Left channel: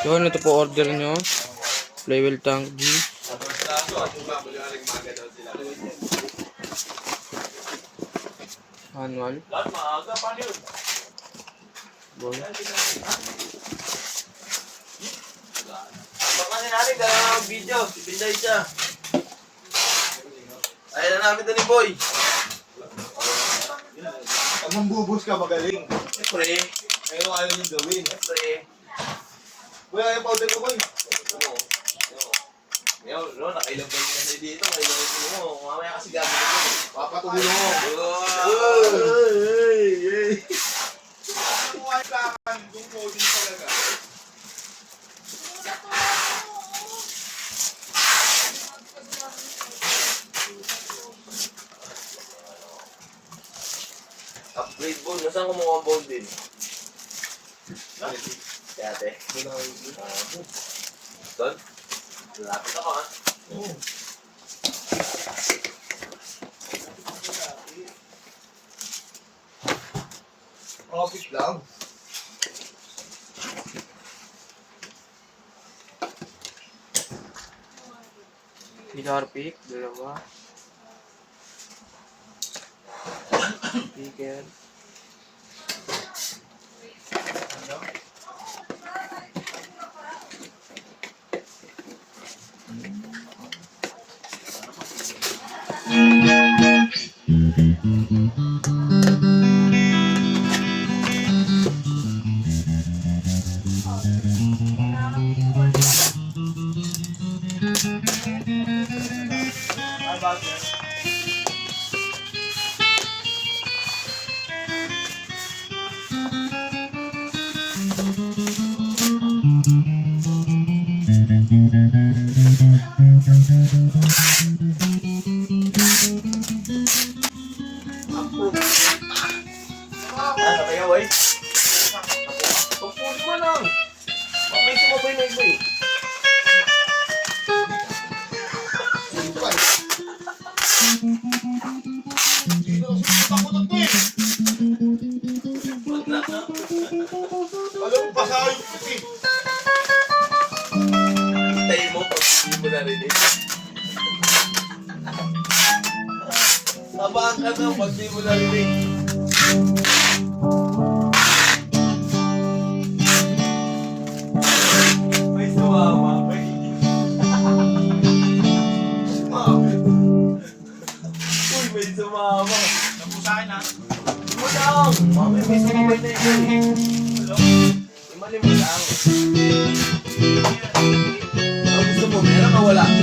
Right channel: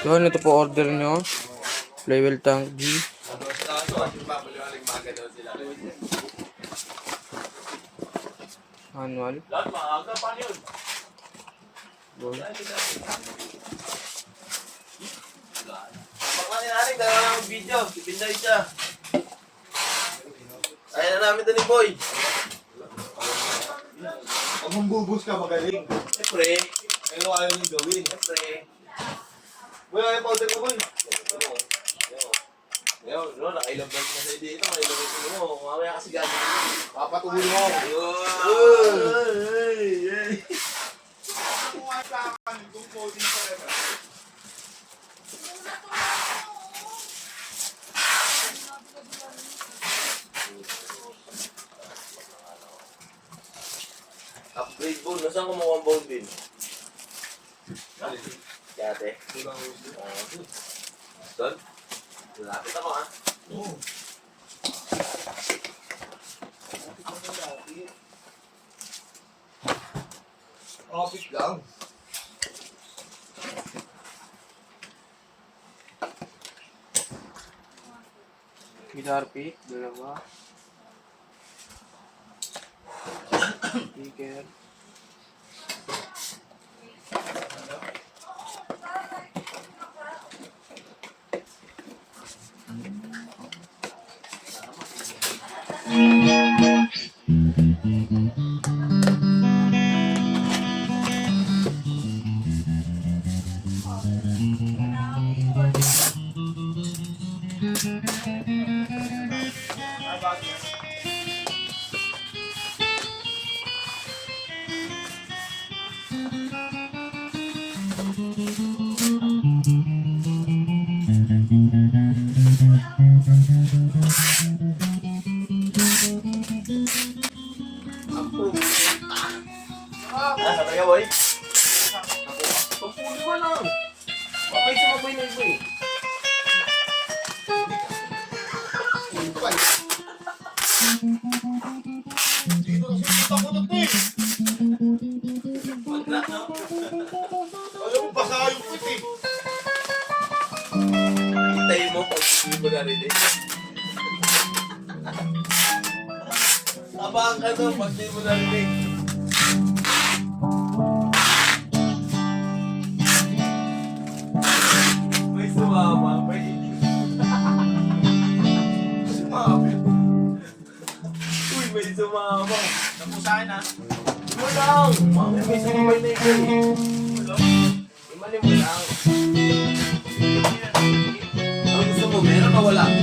Yun, ito po order nyo. Flywheel tank G. Manual. Boy. Pagkasin natin, dalawa ng video. Ibinday siya. Ayan na namin doon ni Boy. Pag mambubus ka, magaling. Siyempre. Ayaw ayaw yung gawin. Siyempre. Boy, ayaw powder ko, boy. Ngayon, nakailang balik na sa'yo dito. Nakailang balik mo. Mamaya kasi gagawin mo. Papatuloy mo. Ay! Upgrade ball. Nasaan kumuha ang ball bin? Kate. Doon? Lapit ako ha. Office lang. Guitar pick, dalawa. Speaker. Sabay ka, boy? Pagpuli mo lang. Mamay sumabay na iba eh. Alam mo, baka yung puti. Hintayin mo pag hindi mo narinig. Abang ka na pag hindi mo narinig. May sumama. May sumama. Uy, may sumama. Napusahin ha. Mo lang. Mami, may sumama na ito. Imali mo lang. Ang gusto mo, meron o wala?